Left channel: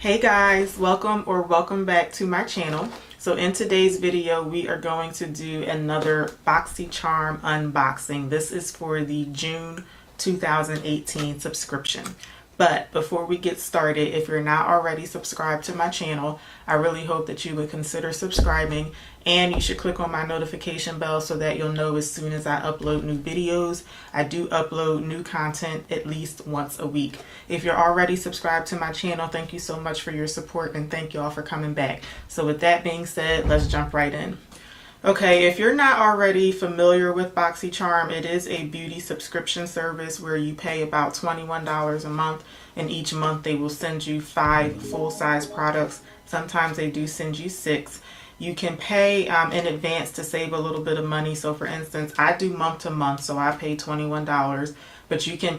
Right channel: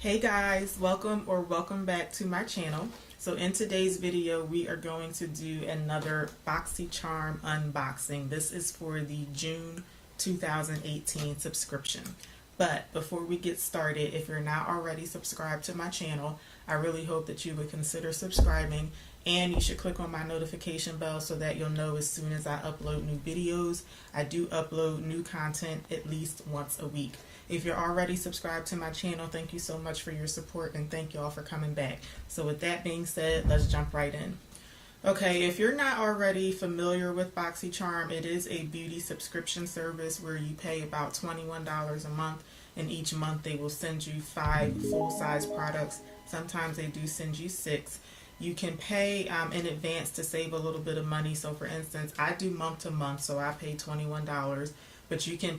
Hey guys, welcome back to my channel. So in today's video we are going to do another Boxycharm unboxing. This is for the June 2018 subscription. But before we get started, if you're not already subscribed to my channel, I really hope that you would consider subscribing, and you should click on my notification bell so that you'll know as soon as I upload new videos. I do upload new content at least once a week. If you're already subscribed to my channel, thank you so much for your support, and thank you all for coming back. So with that being said, let's jump right in. Okay, if you're not already familiar with Boxycharm, it is a beauty subscription service where you pay about $21 a month, and each month they will send you 5 full-size products. Sometimes they do send you 6. You can pay in advance to save a little bit of money. So for instance, I do month to month, so I pay $21. But you can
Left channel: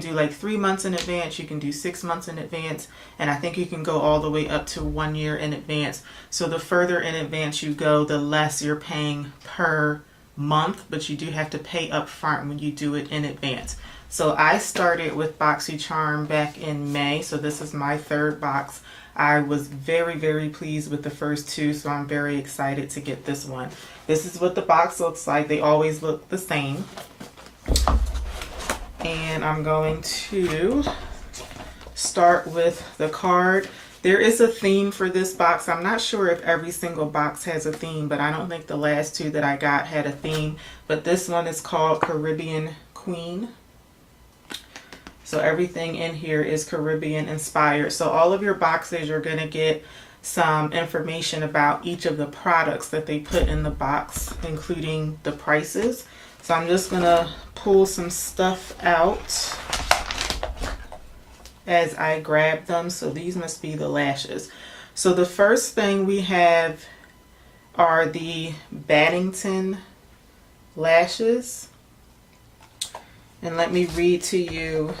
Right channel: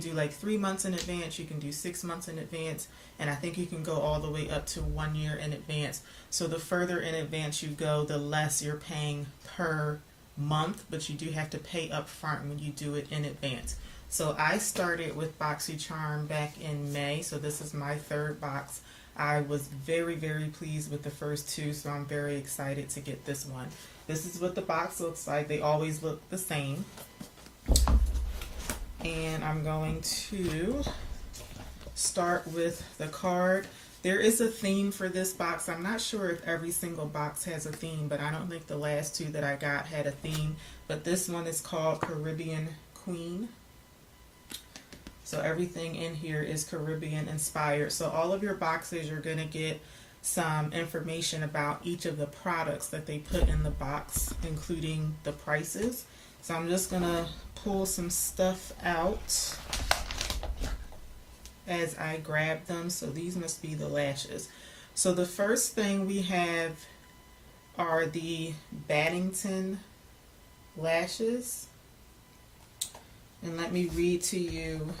do like 3 months in advance, you can do 6 months in advance, and I think you can go all the way up to 1 year in advance. So the further in advance you go, the less you're paying per month, but you do have to pay up front when you do it in advance. So I started with Boxycharm back in May, so this is my 3rd box. I was very pleased with the first 2, so I'm very excited to get this one. This is what the box looks like. They always look the same. And I'm going to start with the card. There is a theme for this box. I'm not sure if every single box has a theme, but I don't think the last 2 that I got had a theme. But this one is called Caribbean Queen. So everything in here is Caribbean inspired. So all of your boxes, you're going to get some information about each of the products that they put in the box, including the prices. So I'm just going to pull some stuff out as I grab them. So these must be the lashes. So the first thing we have are the Baddington lashes. And let me read to you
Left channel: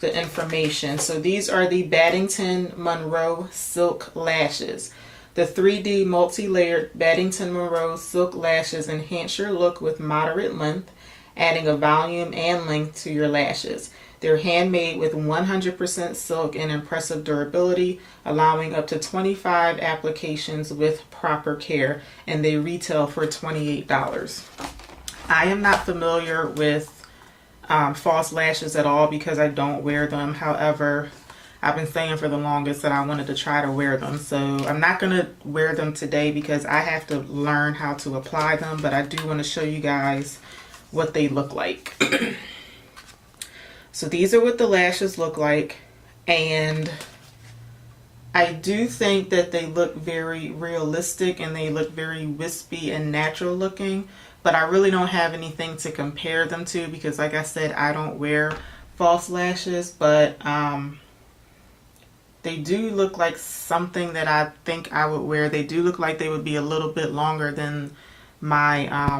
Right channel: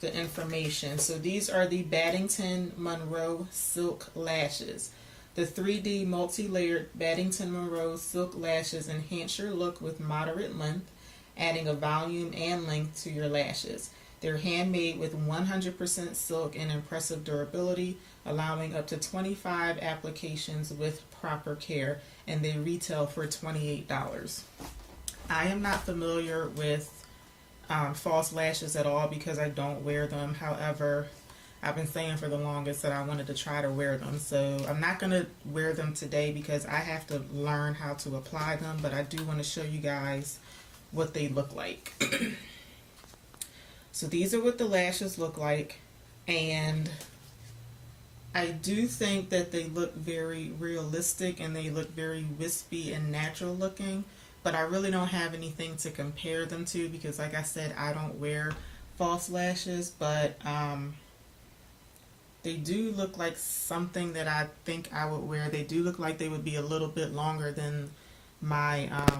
the information. So these are the Baddington Monroe Silk Lashes. The 3D multi-layered Baddington Monroe Silk Lashes enhance your look with moderate length, adding a volume and length to your lashes. They're handmade with 100% silk and impressive durability, allowing up to 25 applications with proper care, and they retail for $28. I am not familiar with false lashes at all because I don't wear them. However, I've been saying for the longest that I wanted to try to wear them. So I'm not going to wear them today because I have to learn how to apply them, but I do want to show you guys what they look like. So these are what the lashes look like, and I do think that they look very realistic and they look very wispy and natural looking, but I really don't have anything to compare them to because, like I said, I don't wear false lashes, but they do look like something that I think I would wear. They do look like they would be a little bit longer than my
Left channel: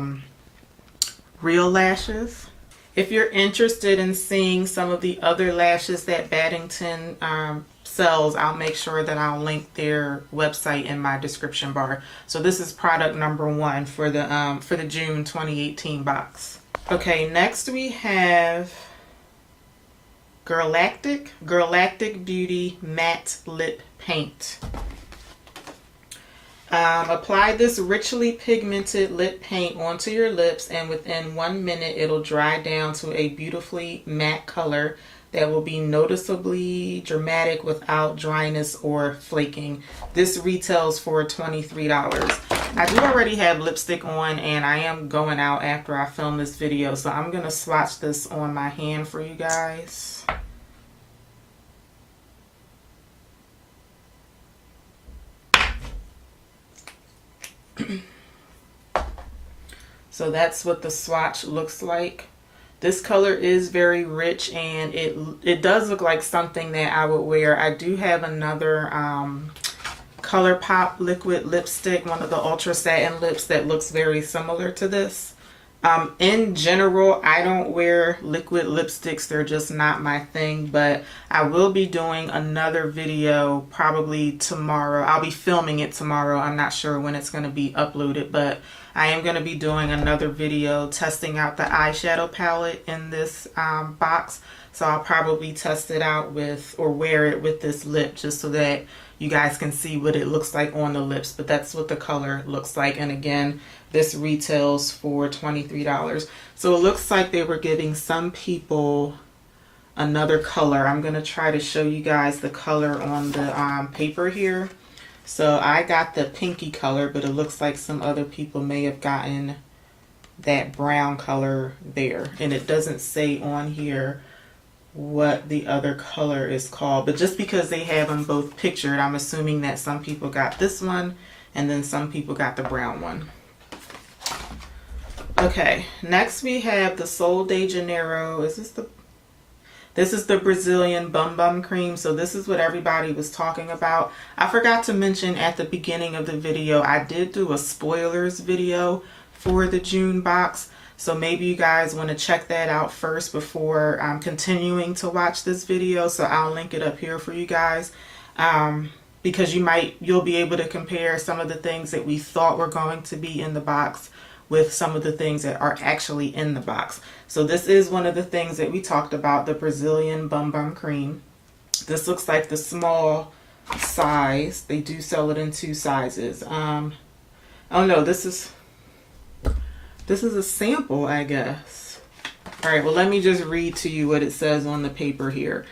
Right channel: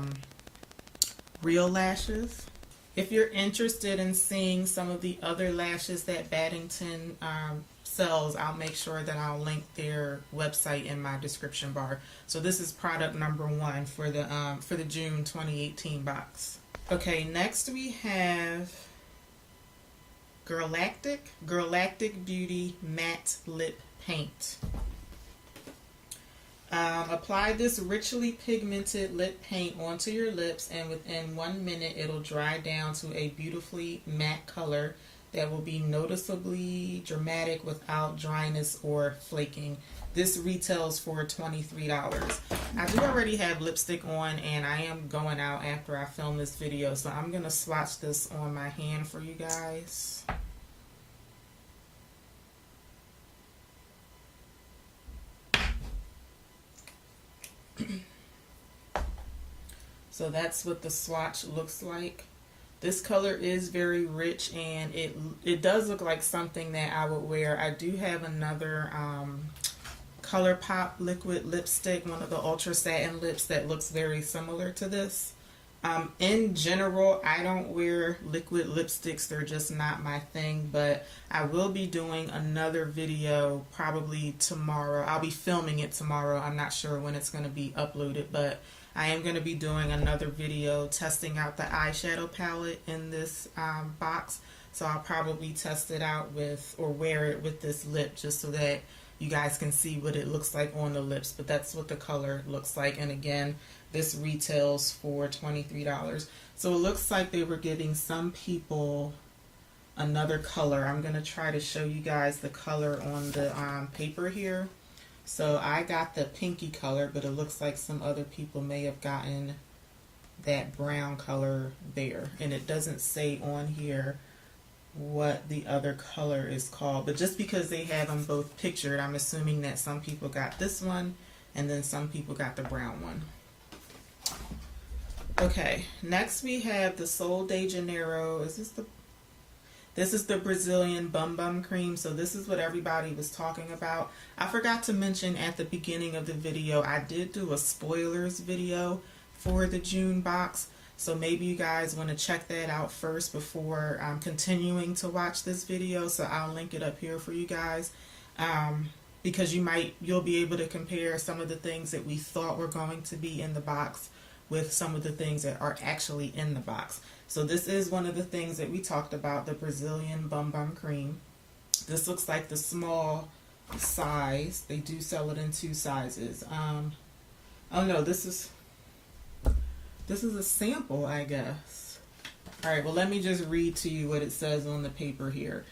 real lashes. If you're interested in seeing some of the other lashes that Baddington sells, I'll make sure that I'll link their website in my description bar. So this is product number 1 for the June 2018 box. Okay, next we have Galactic Beauty Matte Lip Paint. Apply this richly pigmented lip paint onto your lips, and within 1 minute it'll dry down to a beautifully matte color that will be noticeably dramatic without dryness or flaking. This retails for $23. I do already have lipstick on, and I am going out after I film this video, so I'm going to swatch this on my hand for you guys. So that's what the swatch looks like. This color is very rich, and it does look like something that I would wear. I do have another ColourPop liquid lipstick, one of the Ultra Satin lips that looks very similar to this. In general, I don't wear liquid lipsticks. They're just not my thing, but I will be doing another video probably tomorrow. I'll be filming it tomorrow. I'm not sure when it's going to be uploaded, but I am going to be doing another video testing out the eyeshadow palette in this box. So I'll probably test it out with, or wear it with this lip, just so that you guys can see what it looks like on the lips. But that's what the color looks like. And again, this retails for $23. So it looks like they were giving some people another color. I'm going to try to show you guys the color on the paper here. So I got the pinky color, but it looks like some other people may have gotten that brown color there. And it doesn't say on here what the other color is called, but just because they have them both pictured, I'm assuming that some people got this one and then some people got the brown one. Okay, next we have the Sol de Janeiro. This is the Brazilian Bum Bum Cream. So this is what everybody was talking about. I forgot to mention at the beginning of the video, I did do a spoilers video for the June box. So maybe you guys want to check that out first before continuing to watch this video. So I'll link it up here for you guys, because you'll be able to compare some of the things that we thought were going to be in the box with some of the things that are actually in the box. So this is one of the things that we talked about, the Brazilian Bum Bum Cream. This looks like the small size. They do sell it in 2 sizes. Oh no, this is a sample, I guess. All right, well, let me just read to you what it says on the paper here.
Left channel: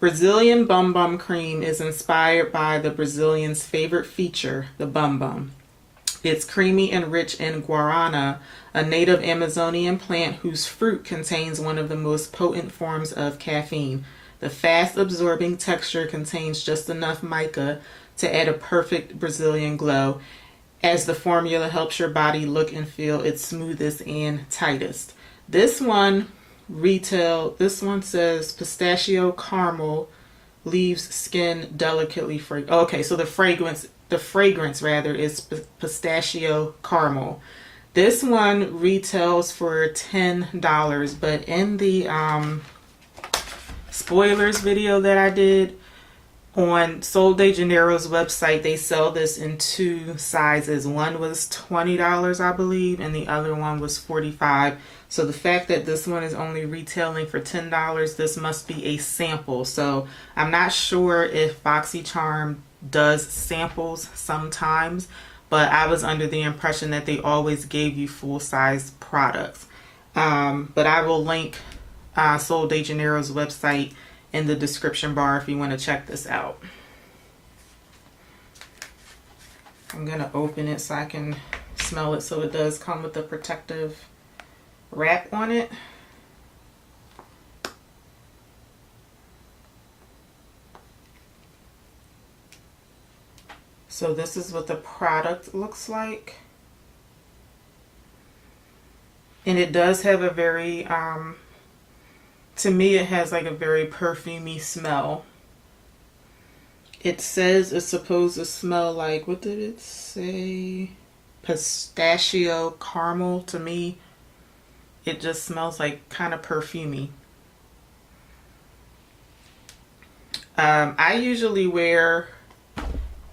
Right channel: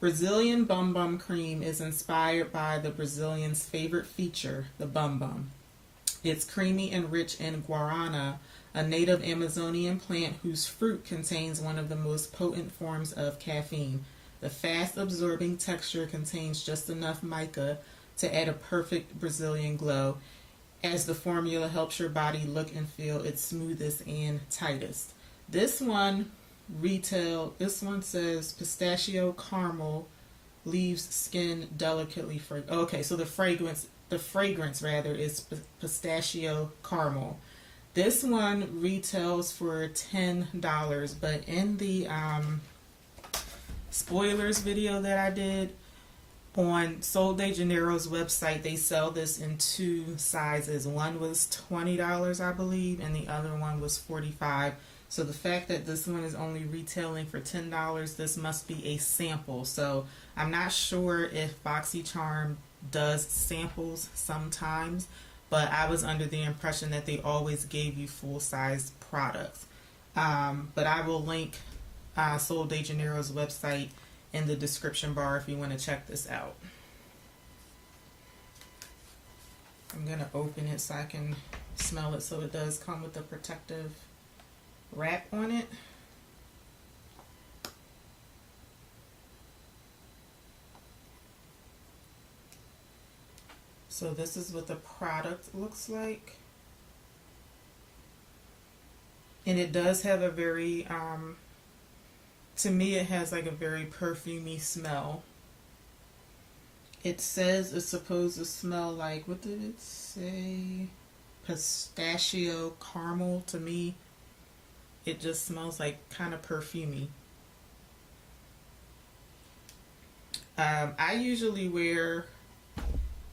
Brazilian Bum Bum Cream is inspired by the Brazilians' favorite feature, the bum bum. It's creamy and rich in guarana, a native Amazonian plant whose fruit contains one of the most potent forms of caffeine. The fast-absorbing texture contains just enough mica to add a perfect Brazilian glow, as the formula helps your body look and feel its smoothest and tightest. This one says pistachio caramel leaves skin delicately fragrant. Okay, so the fragrance rather is pistachio caramel. This one retails for $10, but in the spoilers video that I did on Sol de Janeiro's website, they sell this in 2 sizes. One was $20, I believe, and the other one was $45. So the fact that this one is only retailing for $10, this must be a sample. So I'm not sure if Boxycharm does samples sometimes, but I was under the impression that they always gave you full-size products. But I will link Sol de Janeiro's website in the description bar if you want to check this out. I'm going to open it so I can smell it. So it does come with a protective wrap on it. So this is what the product looks like. And it does have a very, to me it has like a very perfumey smell. It says it's supposed to smell like, what did it say? Pistachio caramel. To me, it just smells like kind of perfumey. I usually wear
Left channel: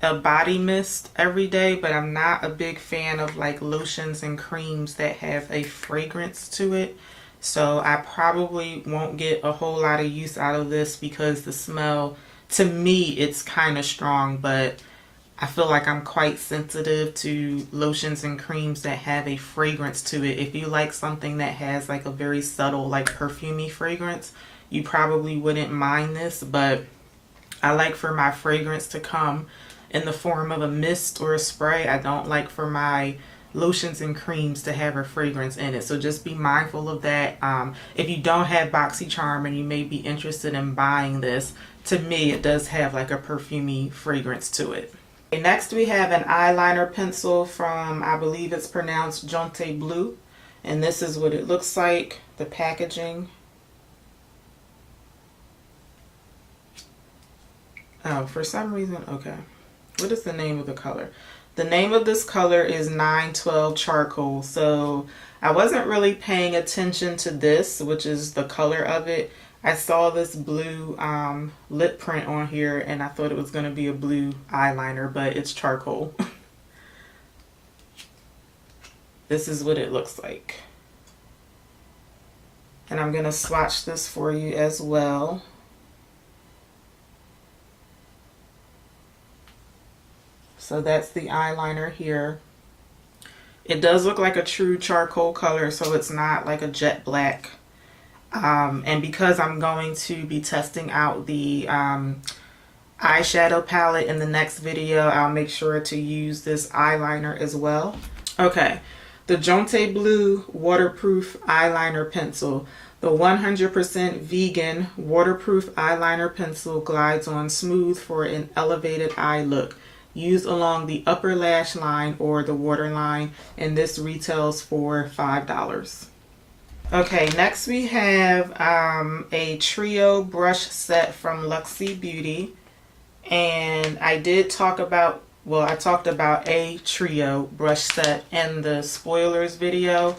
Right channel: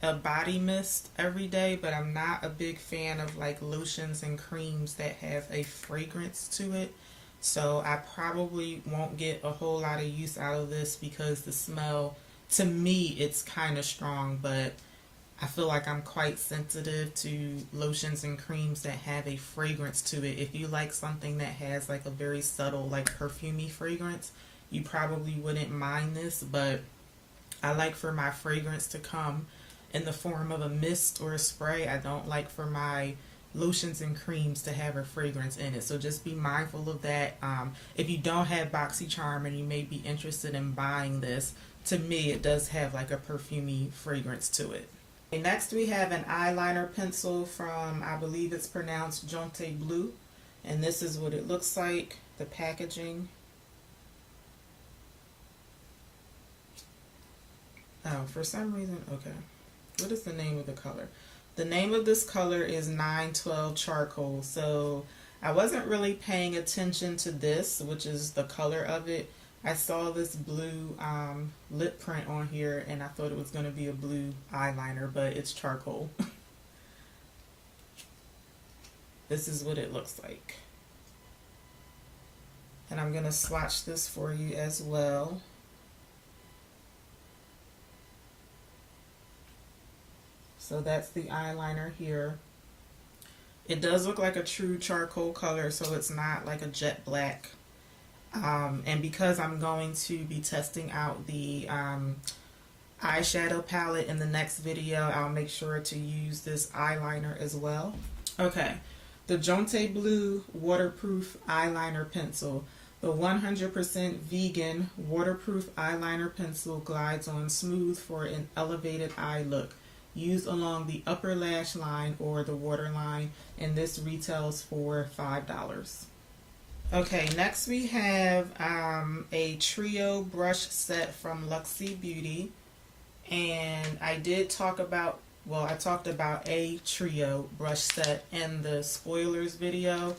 a body mist every day, but I'm not a big fan of like lotions and creams that have a fragrance to it. So I probably won't get a whole lot of use out of this because the smell, to me, it's kind of strong, but I feel like I'm quite sensitive to lotions and creams that have a fragrance to it. If you like something that has like a very subtle, like perfumey fragrance, you probably wouldn't mind this, but I like for my fragrance to come in the form of a mist or a spray. I don't like for my lotions and creams to have a fragrance in it. So just be mindful of that. If you don't have Boxycharm and you may be interested in buying this, to me it does have like a perfumey fragrance to it. Okay, next we have an eyeliner pencil from, I believe it's pronounced Jonte Blue, and this is what it looks like, the packaging. Oh, for some reason, okay. What is the name of the color? The name of this color is 912 Charcoal. So I wasn't really paying attention to this, which is the color of it. I saw this blue lip print on here and I thought it was going to be a blue eyeliner, but it's charcoal. This is what it looks like. And I'm going to swatch this for you as well. So that's the eyeliner here. It does look like a true charcoal color, so it's not like a jet black. And because I'm going to be testing out the eyeshadow palette in the next video, I'll make sure to use this eyeliner as well. Okay, the Jonte Blue Waterproof Eyeliner Pencil. The 100% vegan waterproof eyeliner pencil glides on smooth for an elevated eye look. Used along the upper lash line or the waterline, and this retails for $5. Okay, next we have a trio brush set from Luxie Beauty, and I did talk about, well, I talked about a trio brush set in the spoilers video,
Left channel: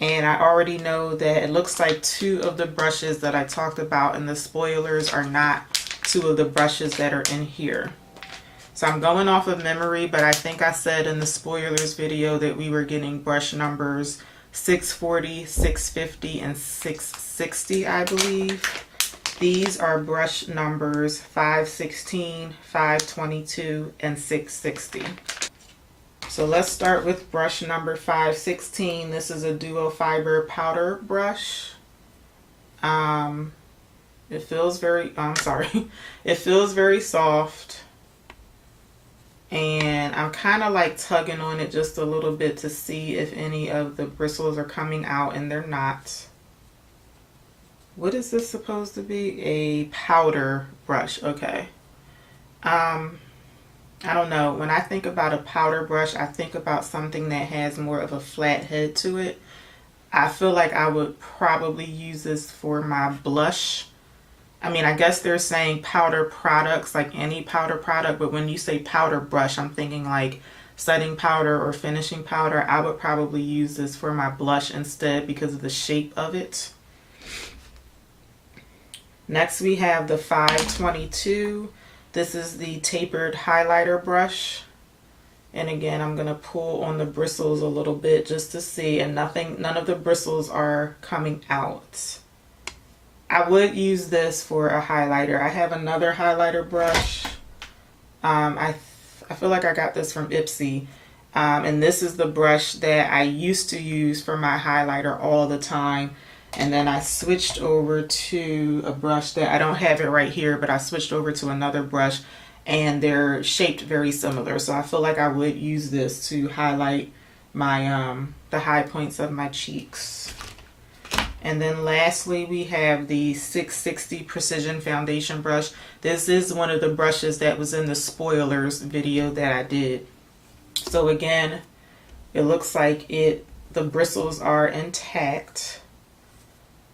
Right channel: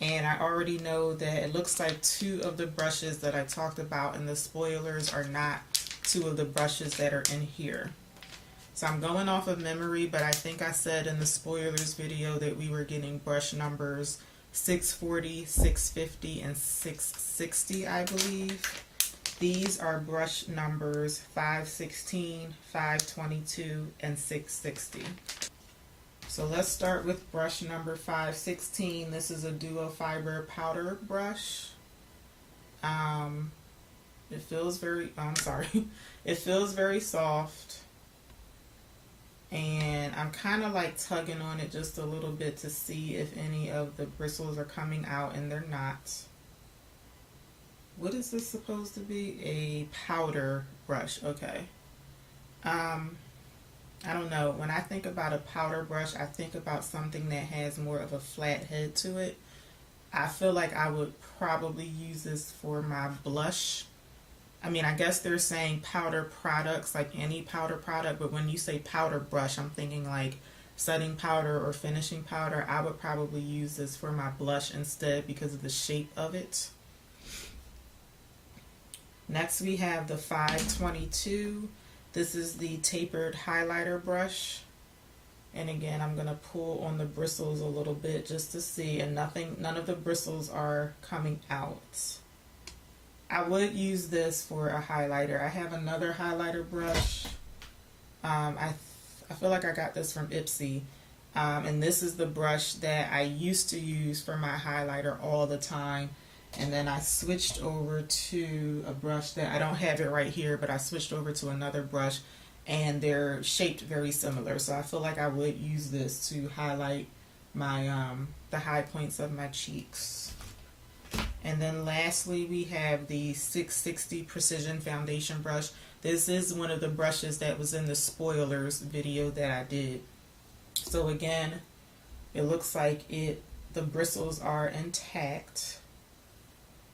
and I already know that it looks like 2 of the brushes that I talked about in the spoilers are not 2 of the brushes that are in here. So I'm going off of memory, but I think I said in the spoilers video that we were getting brush numbers 640, 650, and 660, I believe. These are brush numbers 516, 522, and 660. So let's start with brush number 516. This is a duo fiber powder brush. It feels very, it feels very soft. And I'm kind of like tugging on it just a little bit to see if any of the bristles are coming out, and they're not. What is this supposed to be? A powder brush. Okay. I don't know. When I think about a powder brush, I think about something that has more of a flat head to it. I feel like I would probably use this for my blush. I mean, I guess they're saying powder products, like any powder product, but when you say powder brush, I'm thinking like setting powder or finishing powder. I would probably use this for my blush instead because of the shape of it. Next we have the 522. This is the tapered highlighter brush. And again, I'm going to pull on the bristles a little bit just to see, and none of the bristles are coming out. I would use this for a highlighter. I have another highlighter brush. I feel like I got this from Ipsy. And this is the brush that I used to use for my highlighter all the time. And then I switched over to a brush that I don't have it right here, but I switched over to another brush, and they're shaped very similar. So I feel like I would use this to highlight my the high points of my cheeks. And then lastly, we have the 660 Precision Foundation Brush. This is one of the brushes that was in the spoilers video that I did. So again, it looks like the bristles are intact.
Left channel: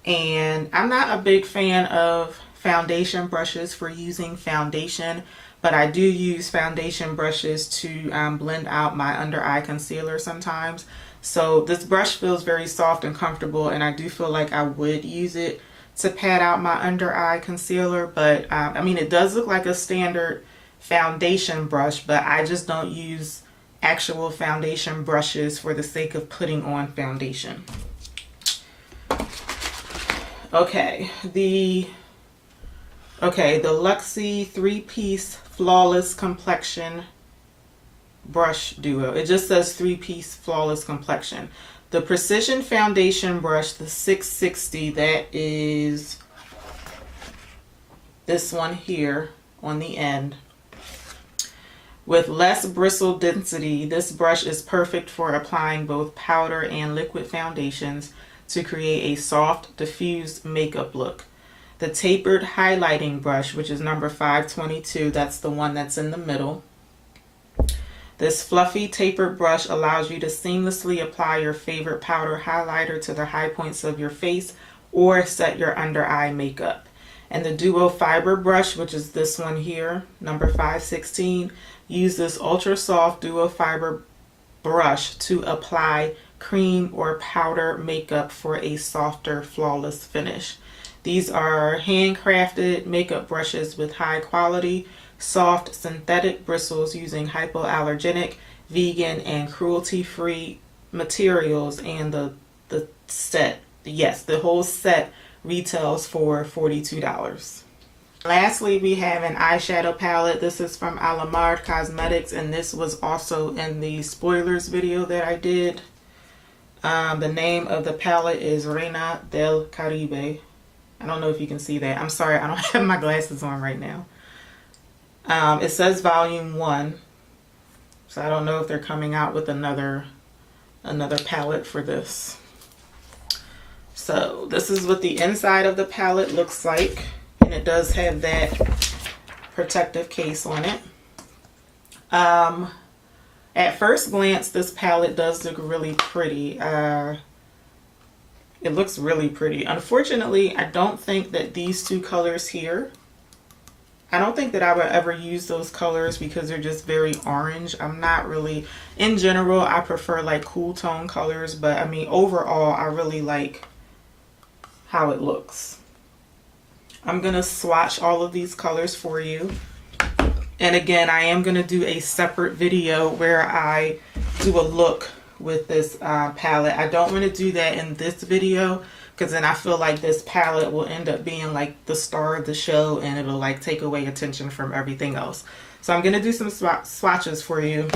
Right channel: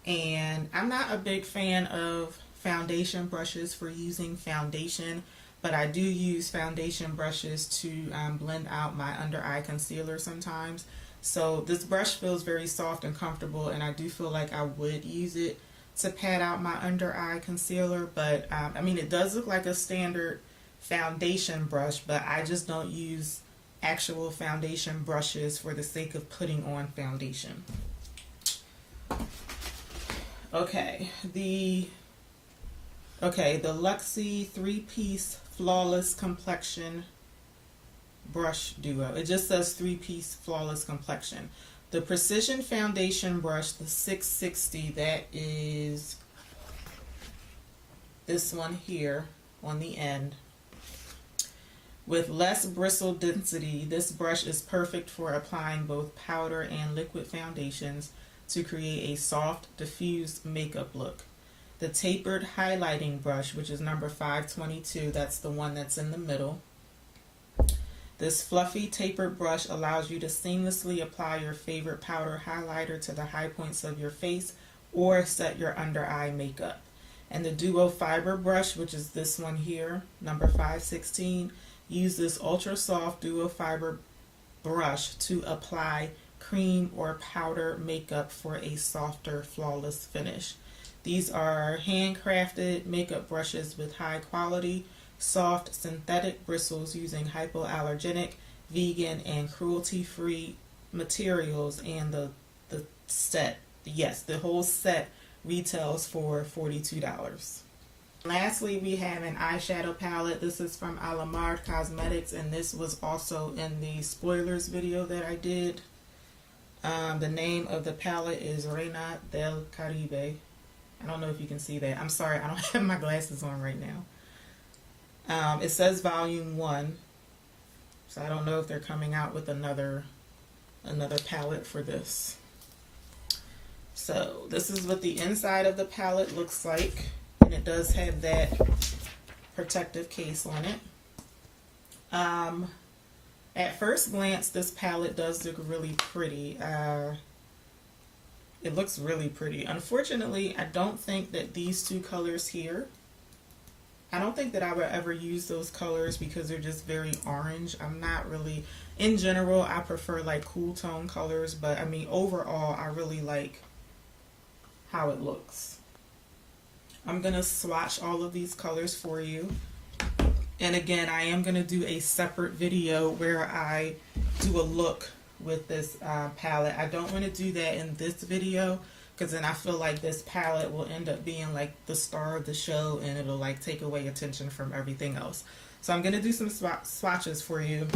And I'm not a big fan of foundation brushes for using foundation, but I do use foundation brushes to blend out my under eye concealer sometimes. So this brush feels very soft and comfortable, and I do feel like I would use it to pat out my under eye concealer. But I mean, it does look like a standard foundation brush, but I just don't use actual foundation brushes for the sake of putting on foundation. Okay, the Luxie 3-piece Flawless Complexion brush duo. It just says 3-piece Flawless Complexion. The Precision Foundation brush, the 660, that is this one here on the end. With less bristle density, this brush is perfect for applying both powder and liquid foundations to create a soft, diffused makeup look. The tapered highlighting brush, which is number 522, that's the one that's in the middle. This fluffy tapered brush allows you to seamlessly apply your favorite powder highlighter to the high points of your face or set your under eye makeup. And the duo fiber brush, which is this one here, number 516, use this ultra soft duo fiber brush to apply cream, or powder makeup for a softer, flawless finish. These are handcrafted makeup brushes with high quality, soft synthetic bristles using hypoallergenic, vegan, and cruelty-free materials, and the set, yes, the whole set retails for $42. Lastly, we have an eyeshadow palette. This is from Alamar Cosmetics, and this was also in the spoilers video that I did. The name of the palette is Reina del Caribe. I don't know if you can see that. I'm sorry, I don't have my glasses on right now. It says volume 1, so I don't know if they're coming out with another palette for this. So this is what the inside of the palette looks like, and it does have that protective case on it. At first glance, this palette does look really pretty. It looks really pretty. Unfortunately, I don't think that these two colors here, I don't think that I would ever use those colors because they're just very orange. I'm not really, in general, I prefer like cool tone colors, but I mean, overall, I really like how it looks. I'm gonna swatch all of these colors for you. And again, I am gonna do a separate video where I do a look with this palette. I don't want to do that in this video because then I feel like this palette will end up being like the star of the show and it'll like take away attention from everything else. So I'm gonna do some swatches for you.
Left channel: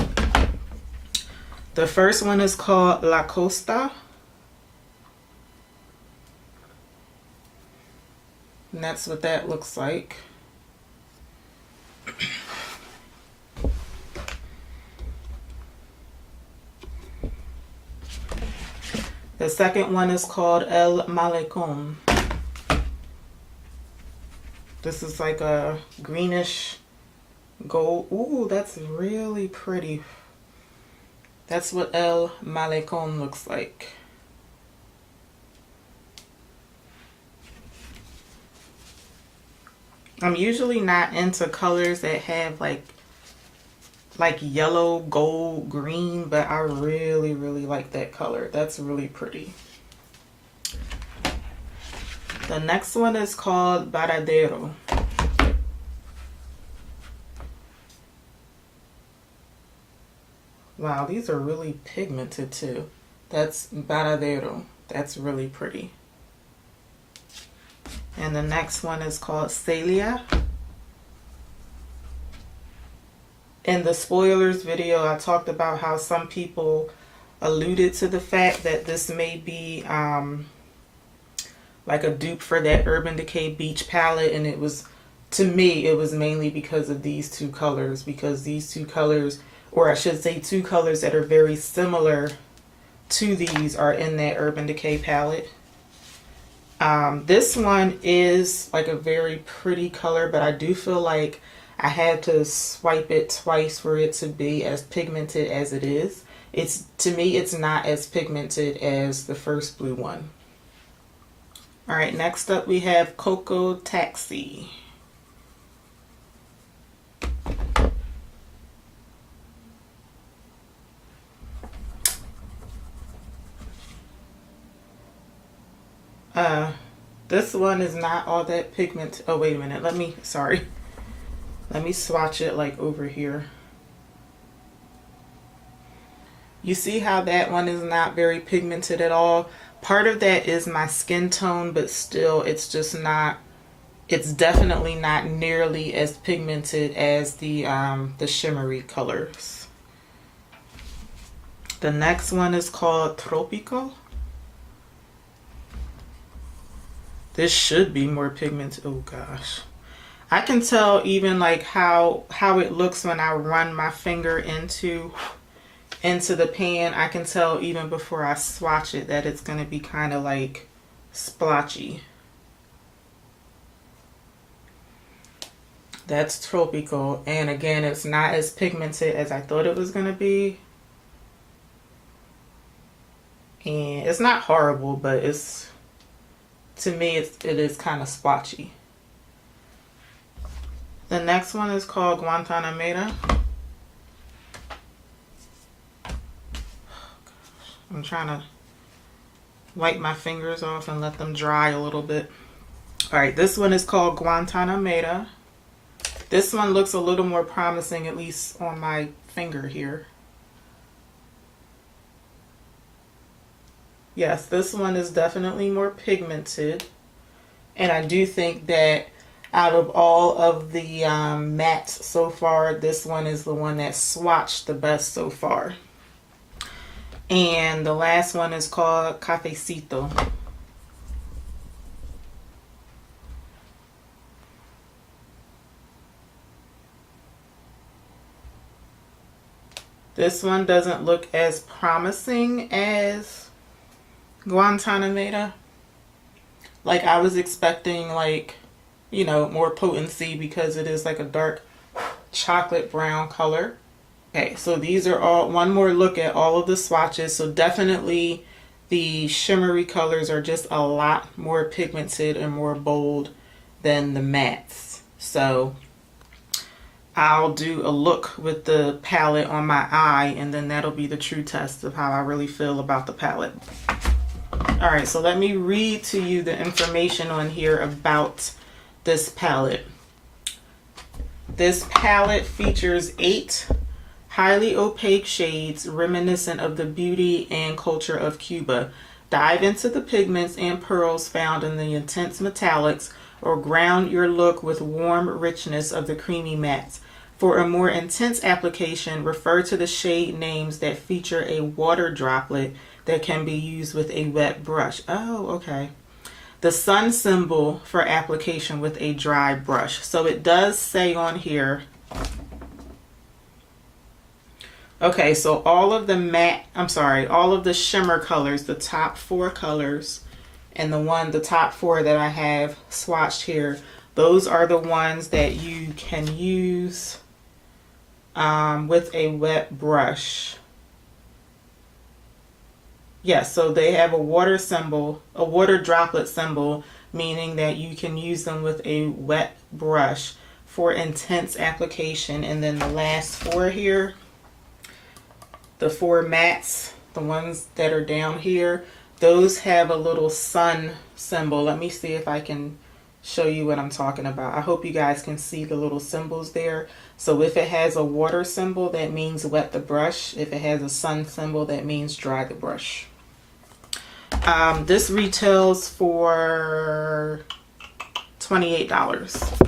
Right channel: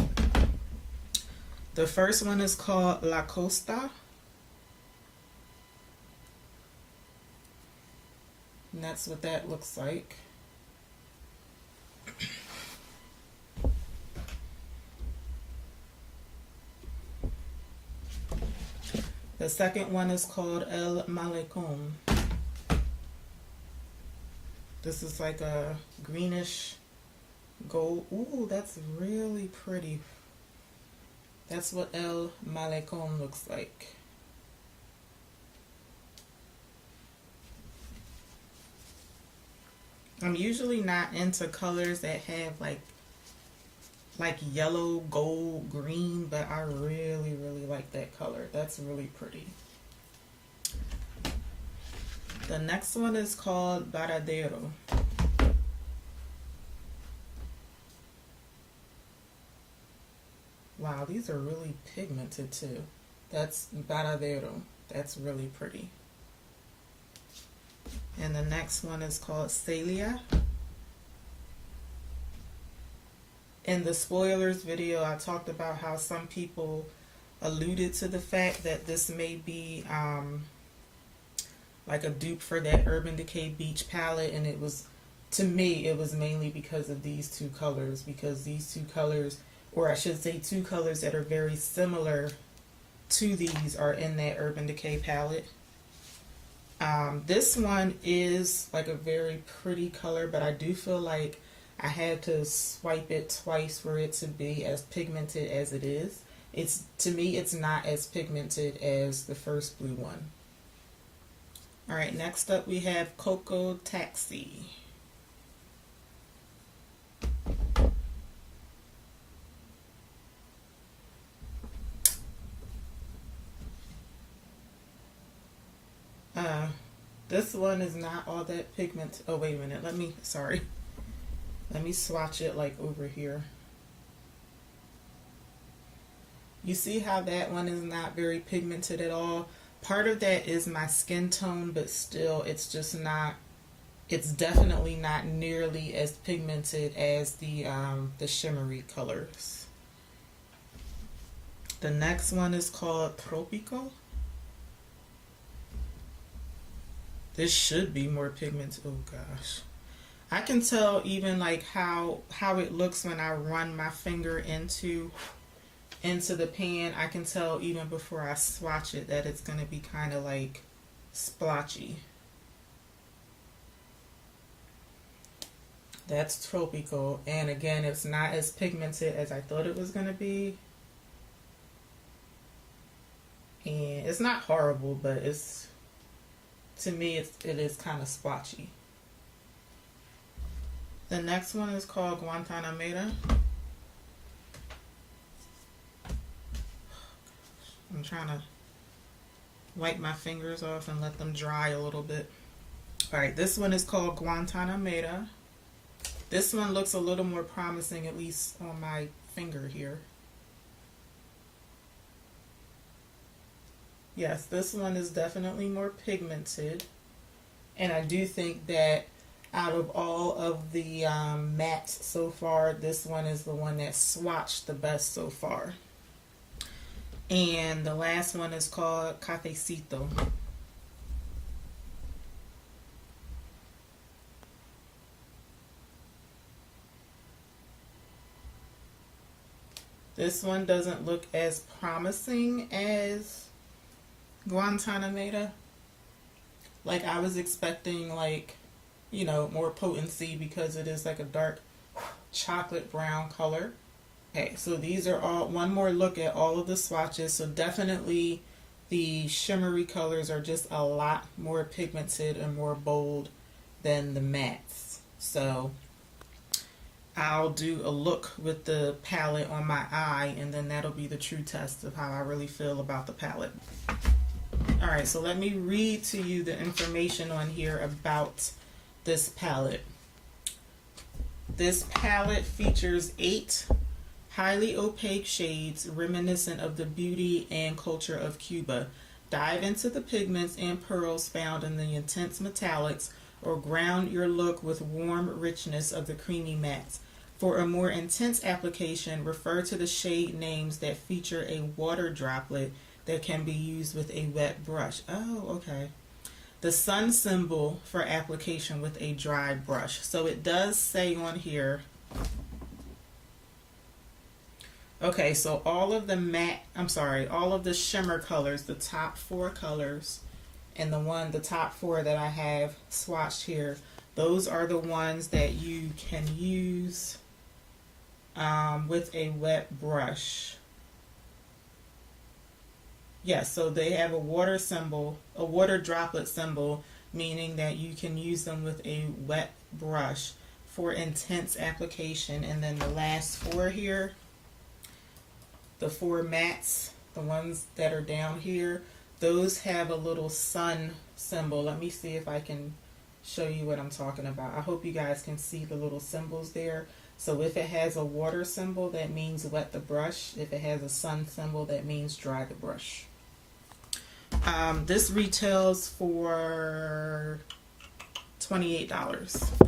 The first one is called La Costa. And that's what that looks like. The second one is called El Malecón. This is like a greenish gold. Ooh, that's really pretty. That's what El Malecón looks like. I'm usually not into colors that have like yellow, gold, green, but I really like that color. That's really pretty. The next one is called Varadero. Wow, these are really pigmented too. That's Varadero. That's really pretty. And the next one is called Celia. In the spoilers video, I talked about how some people alluded to the fact that this may be like a dupe for that Urban Decay Beach palette, and it was, to me, it was mainly because of these two colors, because these two colors, or I should say two colors that are very similar to these, are in that Urban Decay palette. This one is like a very pretty color, but I do feel like I had to swipe it twice for it to be as pigmented as it is. To me, it's not as pigmented as the first blue one. All right, next up we have Coco Taxi. This one is not all that pigment. Oh, wait a minute. Let me swatch it like over here. You see how that one is not very pigmented at all? Part of that is my skin tone, but still it's just not, it's definitely not nearly as pigmented as the shimmery colors. The next one is called Tropical. This should be more pigmented. Oh gosh. I can tell even like how it looks when I run my finger into the pan. I can tell even before I swatch it that it's going to be kind of like splotchy. That's Tropical, and again, it's not as pigmented as I thought it was going to be. And it's not horrible, but it's, to me, it is kind of splotchy. The next one is called Guantanamera. Oh, gosh. I'm trying to wipe my fingers off and let them dry a little bit. All right, this one is called Guantanamera. This one looks a little more promising, at least on my finger here. Yes, this one is definitely more pigmented. And I do think that out of all of the mattes so far, this one is the one that swatched the best so far. And the last one is called Cafecito. This one doesn't look as promising as Guantanamera. Like, I was expecting, like, you know, more potency because it is like a dark chocolate brown color. Okay, so these are all, one more look at all of the swatches. So definitely the shimmery colors are just a lot more pigmented and more bold than the mattes. So I'll do a look with the palette on my eye, and then that'll be the true test of how I really feel about the palette. All right, so let me read to you the information on here about this palette. This palette features 8 highly opaque shades reminiscent of the beauty and culture of Cuba. Dive into the pigments and pearls found in the intense metallics, or ground your look with warm richness of the creamy mattes. For a more intense application, refer to the shade names that feature a water droplet that can be used with a wet brush. Oh, okay. The sun symbol for application with a dry brush. So it does say on here. Okay, so all of the all of the shimmer colors, the top 4 colors, and the top 4 that I have swatched here, those are the ones that you can use with a wet brush. Yes, so they have a water symbol, a water droplet symbol, meaning that you can use them with a wet brush for intense application. And then the last 4 here, the 4 mattes, the ones that are down here, those have a little sun symbol. Let me see if I can show you what I'm talking about. I hope you guys can see the little symbols there. So if it has a water symbol, that means wet the brush. If it has a sun symbol, that means dry the brush. This retails for $28.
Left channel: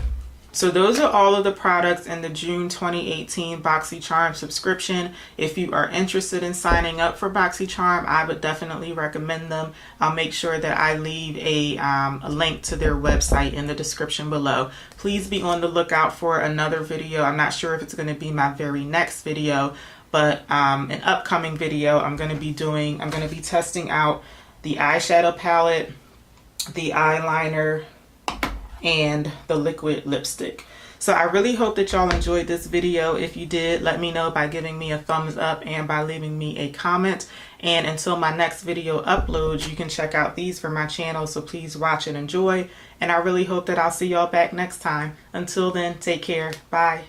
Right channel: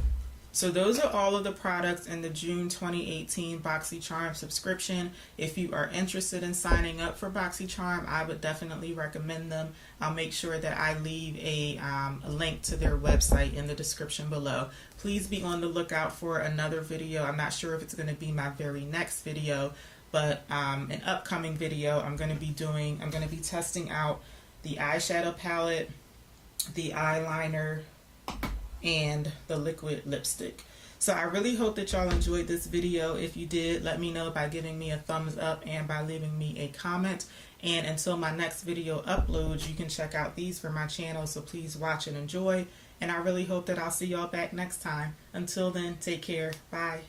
So those are all of the products in the June 2018 Boxycharm subscription. If you are interested in signing up for Boxycharm, I would definitely recommend them. I'll make sure that I leave a link to their website in the description below. Please be on the lookout for another video. I'm not sure if it's going to be my very next video, but an upcoming video I'm going to be testing out the eyeshadow palette, the eyeliner, and the liquid lipstick. So I really hope that y'all enjoyed this video. If you did, let me know by giving me a thumbs up and by leaving me a comment. And until my next video uploads, you can check out these for my channel, so please watch and enjoy. And I really hope that I'll see y'all back next time. Until then, take care. Bye.